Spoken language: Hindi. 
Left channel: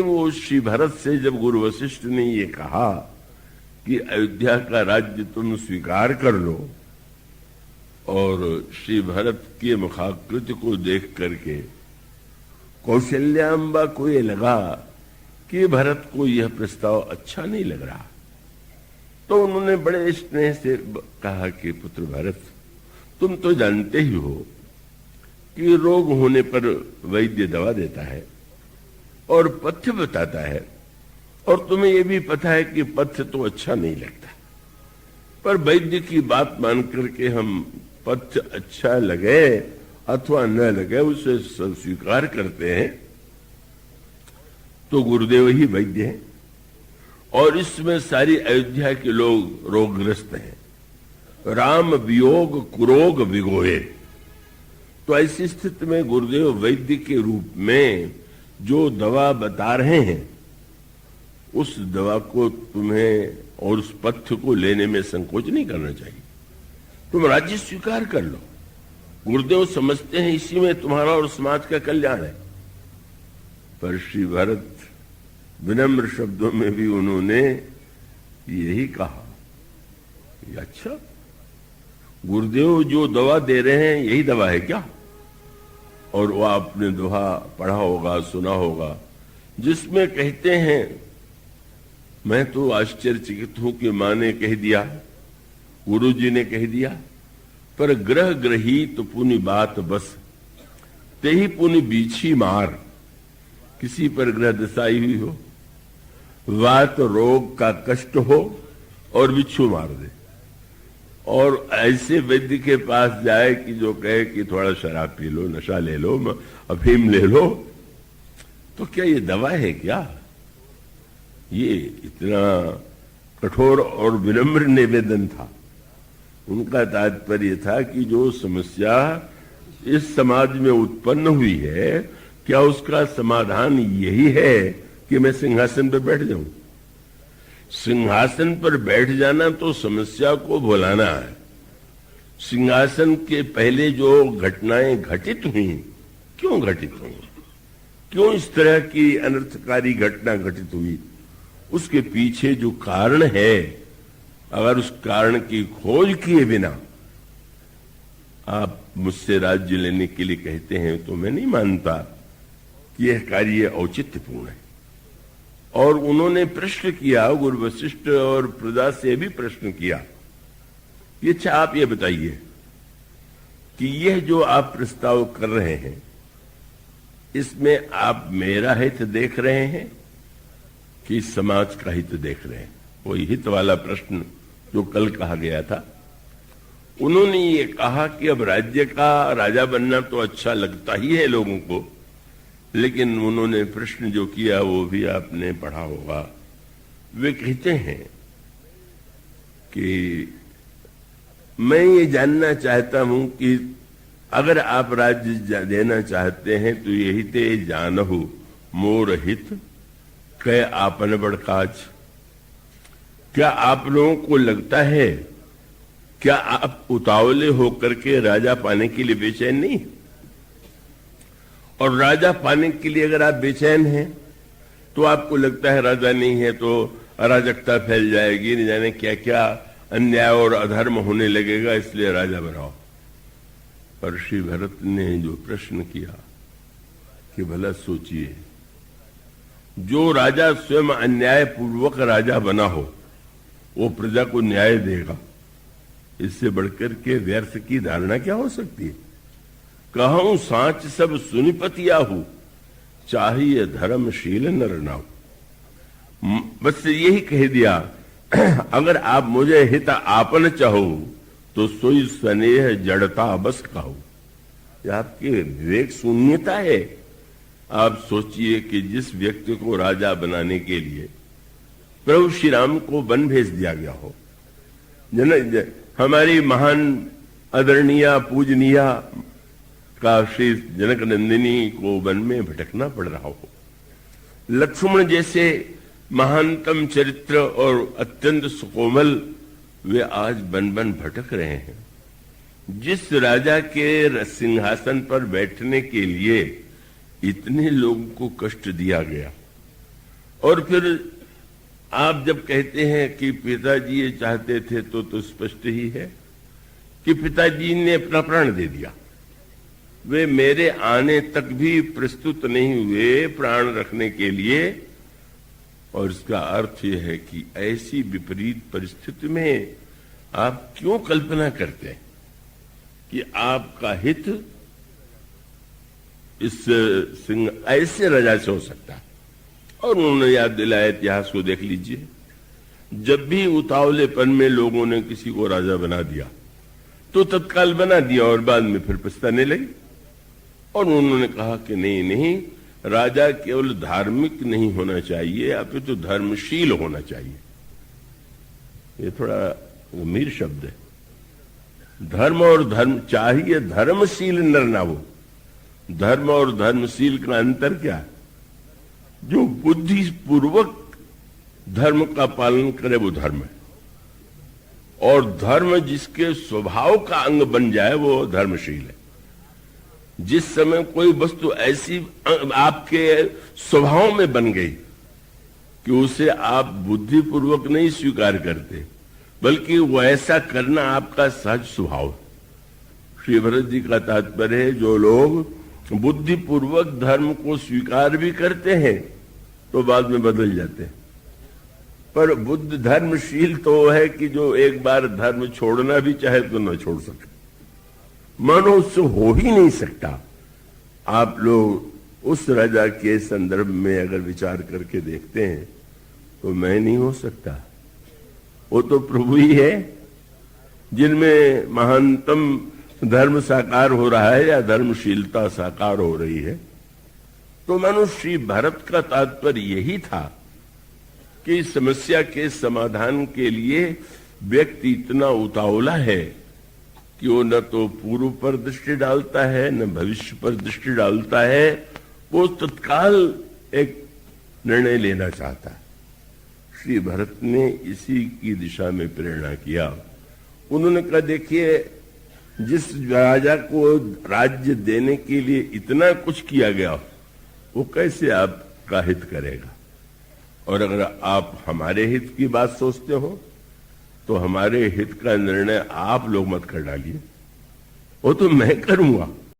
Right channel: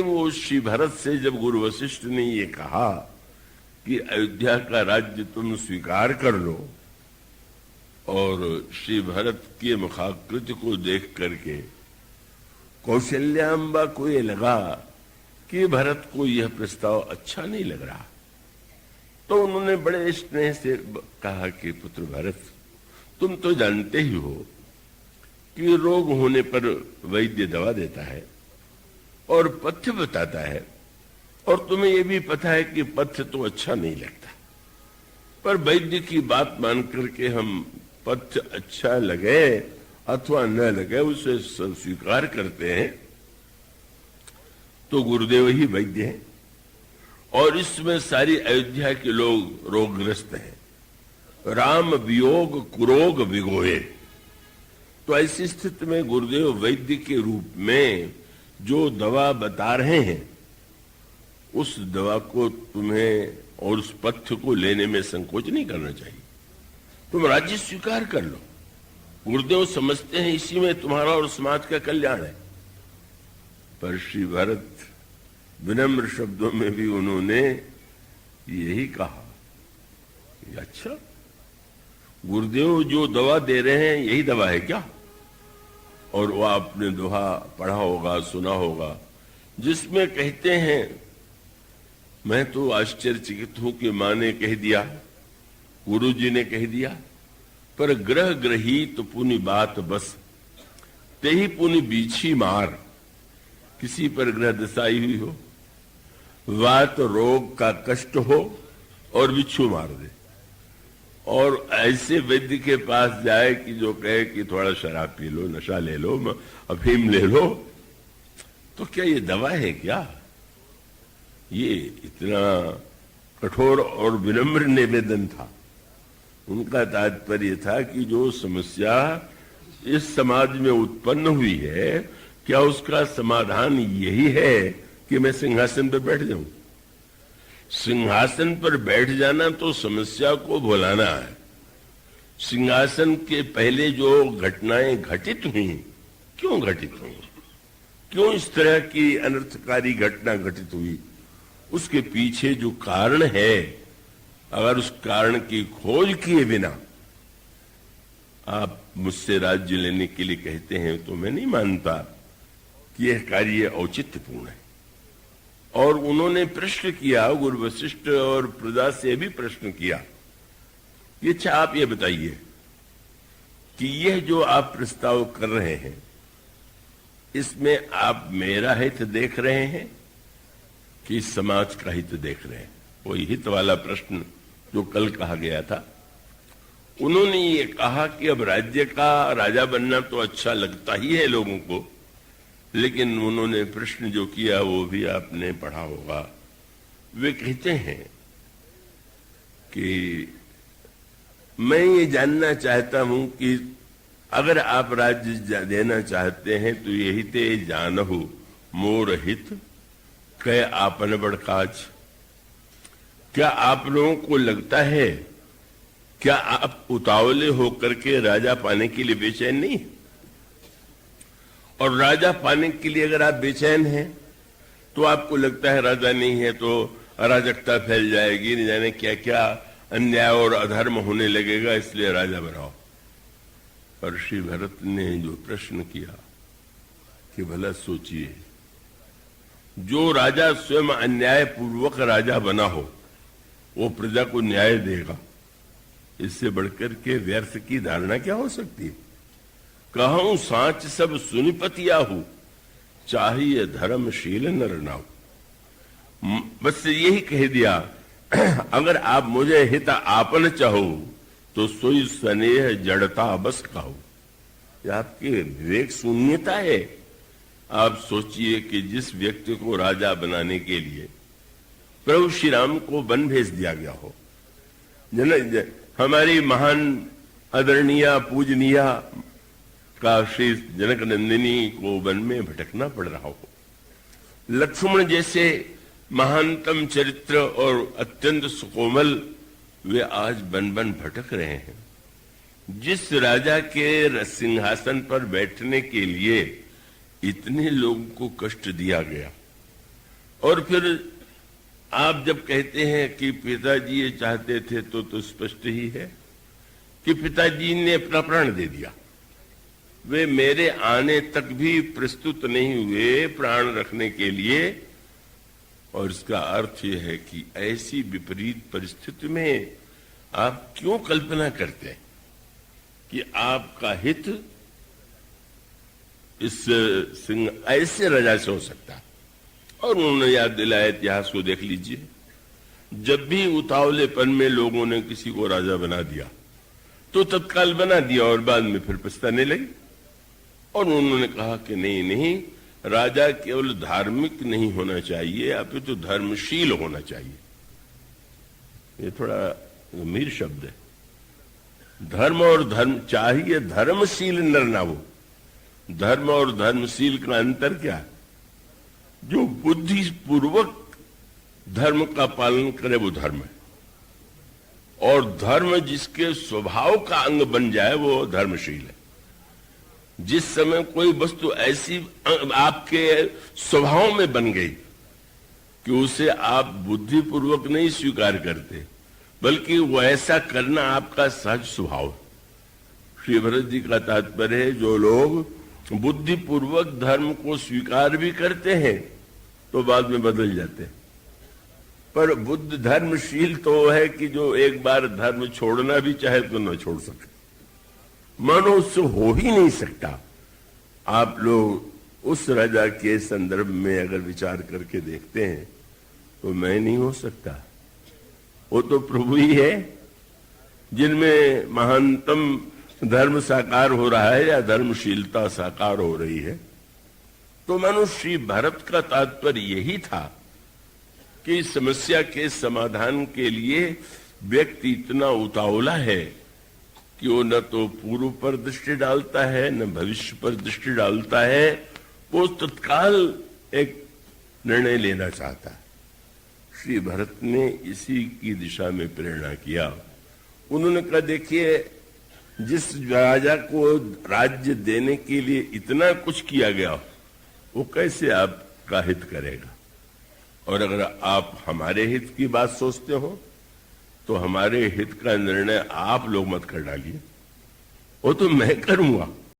वो श्री भरत से जब गुरु वशिष्ठ ने ये कहा कि अयोध्या का राज्य तुम स्वीकार कर लो, और श्री भरत के मुखाकृति को देख करके कौशल्याम्बा को ये लगा कि भरत को यह प्रस्ताव अच्छा नहीं लग रहा, तो उन्होंने बड़े स्नेह से कहा कि पुत्र भरत, तुम तो जानते ही हो कि रोग होने पर वैद्य दवा देता है और पथ्य बताता है, और तुम्हें यह भी पता है कि पथ्य तो अच्छा नहीं लगता, पर वैद्य की बात मान करके हम पथ्य अच्छा लगे अथवा न लगे उसे स्वीकार करते हैं। तो गुरुदेव ही वैद्य हैं और इसमें सारी अयोध्या के लोग रोगग्रस्त हैं। राम वियोग कुरोग विगोए। तो ऐसी स्थिति में गुरुदेव वैद्य के रूप में जो दवा बता रहे हैं, उस दवा को तुम्हें और उस पथ्य को लेने में संकोच नहीं करना चाहिए। तुम राज्य स्वीकार कर लो। गुरुदेव समझते हैं इसी में तुम्हारा और समाज का कल्याण है। पर श्री भरत विनम्र शब्दों में भी उन्होंने यही कहा, अच्छा गुरुदेव जो दवा दे रहे हैं यही दवा है क्या? और वो आपने दोहा पढ़ा होगा, सुना होगा, जिसमें कहते हैं, मैं तो आश्चर्यचकित हूं कि मां ने कह दिया, गुरु जी ने कह दिया, पर ग्रह ग्रहित पुनि बात बस, ते ही पुनि बीछी मार। किसी पर ग्रह दशा आई हुई हो, वात रोग का कष्ट हो और बिच्छू मार दे, और ऐसे वैद्य के पास जाए कि जो कहे कि थोड़ा शराब पी लो, नशा ले लो, अफीम ले लो, तो क्या ये दवा है क्या? ये इतना कठोर और विनम्र निवेदन था। उनका तात्पर्य था कि जो समस्या इस समाज में उत्पन्न हुई है, क्या उसका समाधान यही है कि मैं सिंहासन पर बैठ जाऊं? सिंहासन पर बैठ जाना तो समस्या को भुलाना है। सिंहासन के पहले जो घटनाएं घटित हुई, क्यों घटित हुई, क्यों इस तरह की अनर्थकारी घटना घटित हुई, उसके पीछे जो कारण है, अगर उस कारण की खोज किए बिना आप मुझसे राज्य लेने के लिए कहते हैं, तो मैं नहीं मानता कि यह कार्य औचित्यपूर्ण है। और उन्होंने प्रश्न किया, गुरु वशिष्ठ और प्रजा से भी प्रश्न किया कि अच्छा आप ये बताइए कि यह जो आप प्रस्ताव कर रहे हैं, इसमें आप मेरा हित देख रहे हैं कि समाज का हित देख रहे हैं? वही हित वाला प्रश्न जो कल कहा गया था। उन्होंने ये कहा कि अब राज्य का राजा बनना तो अच्छा लगता ही है लोगों को, लेकिन उन्होंने प्रश्न जो किया वो भी आपने पढ़ा होगा। वे कहते हैं कि मैं ये जानना चाहता हूं कि अगर आप राज्य देना चाहते हैं तो यही ते जानहु मोर हित कै आपन बड़ काज। क्या आप लोगों को लगता है, क्या आप उतावले होकर के राजा पाने के लिए बेचैन नहीं? और राजा पाने के लिए अगर आप बेचैन हैं, तो आपको लगता है राजा नहीं है तो अराजकता फैल जाएगी, नहीं जाने क्या क्या अन्याय और अधर्म होने लगेगा, इसलिए राजा बनाओ। पर श्री भरत ने जो प्रश्न किया कि भला सोचिए, जो राजा स्वयं अन्याय पूर्वक राजा बना हो, वो प्रजा को न्याय देगा, इससे बढ़कर के व्यर्थ की धारणा क्या हो सकती है? कहूं सांच सब सुनिपतिया हूं, चाहिए धर्मशील नर नाऊ। बस यही कह दिया, अगर आप मुझे हित आपन चाहो तो सोई स्नेह जड़ता बस कहो। यह आपकी विवेक शून्यता है। आप सोचिए कि जिस व्यक्ति को राजा बनाने के लिए प्रभु श्री राम को वन भेज दिया गया हो, हमारी महान आदरणीय पूजनीय काशी जनक नंदिनी को वन में भटकना पड़ रहा हो, लक्ष्मण जैसे महानतम चरित्र और अत्यंत सुकोमल वे आज वन वन भटक रहे हैं। जिस राजा के सिंहासन पर बैठने के लिए इतने लोगों को कष्ट दिया गया, और फिर आप जब कहते हैं कि पिताजी ये चाहते थे तो स्पष्ट ही है कि पिताजी ने अपना प्राण दे दिया। वे मेरे आने तक भी प्रस्तुत नहीं हुए प्राण रखने के लिए। और इसका अर्थ यह है कि ऐसी विपरीत परिस्थिति में आप क्यों कल्पना करते हैं कि आपका हित इस सिंह ऐसे राजा से हो सकता है। और उन्होंने याद दिलाया, इतिहास को देख लीजिए, जब भी उतावलेपन में लोगों ने किसी को राजा बना दिया तो तत्काल बना दिया और बाद में फिर पछताने लगे। और उन्होंने कहा कि नहीं नहीं, राजा केवल धार्मिक नहीं होना चाहिए, अपितु तो धर्मशील होना चाहिए। ये थोड़ा गंभीर शब्द है। धर्म और धर्म चाहिए, धर्मशील नर ना हो। धर्म और धर्मशील का अंतर क्या है? जो बुद्धिपूर्वक धर्म का पालन करे वो धर्म है, और धर्म जिसके स्वभाव का अंग बन जाए वो धर्मशील है। जिस समय कोई वस्तु ऐसी आपके स्वभाव में बन गई कि उसे आप बुद्धिपूर्वक नहीं स्वीकार करते, बल्कि वो ऐसा करना आपका सहज स्वभाव है। श्री भरत जी का तात्पर्य है, जो लोग बुद्धिपूर्वक धर्म को स्वीकार भी करते हैं तो बाद में बदल जाते हैं। पर बुद्ध धर्मशील तो है कि जो एक बार धर्म छोड़ना भी चाहे तो न छोड़ सके। मानो उससे हो ही नहीं सकता। आप लोग उस राजा के संदर्भ में अगर विचार करके देखते हैं तो मैं नहीं हो सकता। वो तो प्रभु ही है जिनमें महानतम धर्म साकार हो रहा है या धर्मशीलता साकार हो रही है। तो मानो श्री भरत का तात्पर्य यही था कि इस समस्या के समाधान के लिए व्यक्ति इतना उतावला है कि वो न तो पूर्व पर दृष्टि डालता है न भविष्य पर दृष्टि डालता है, वो तत्काल एक निर्णय लेना चाहता है। श्री भरत ने इसी की दिशा में प्रेरणा किया। उन्होंने कहा, देखिए, जिस राजा को राज्य देने के लिए इतना कुछ किया गया वो कैसे आपका हित करेगा? और अगर आप हमारे हित की बात सोचते हो तो हमारे हित का निर्णय आप लोग मत कर डालिए, वो तो मैं करूंगा।